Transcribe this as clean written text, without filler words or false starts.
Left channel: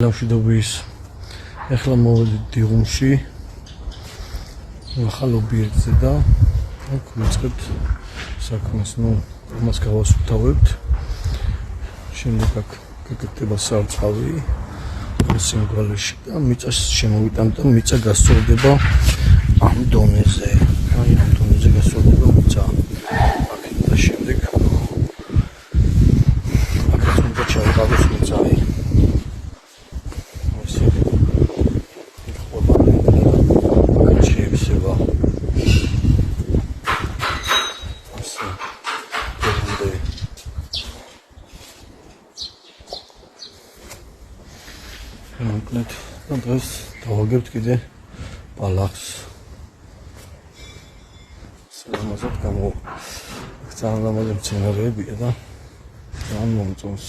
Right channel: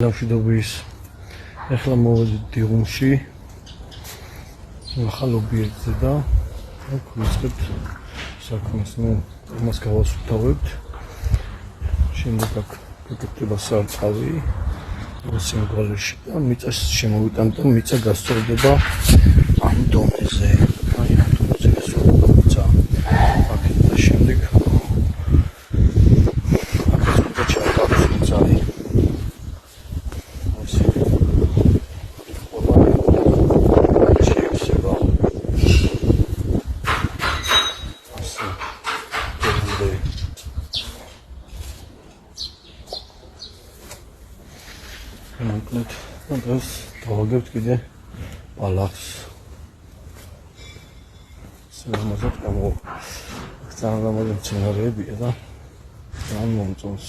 Ლავშიდობის ეხლა მოვედით დიღუმში ახალ ობიექტზე და აქ ვიწყებთ საქმეს, ამას გავასუფთავებთ. შემდეგ აქ გაკეთდება სარწყავი სიმღალეში და მიწას შემოვიტანთ და მიწა გასწორდება ამ დონეზე. ამ დონეზე გასწორდება მიწა. აქეთ და შემდეგ აქაც უნდა ჩაიყალოს მიწარი. Მოკლედ, დღეს დავაგებთ კიდე ბალახს. სულამაზად გამოვა. ძალიან ლამაზი მცენარეებია და ძალიან მომწონს.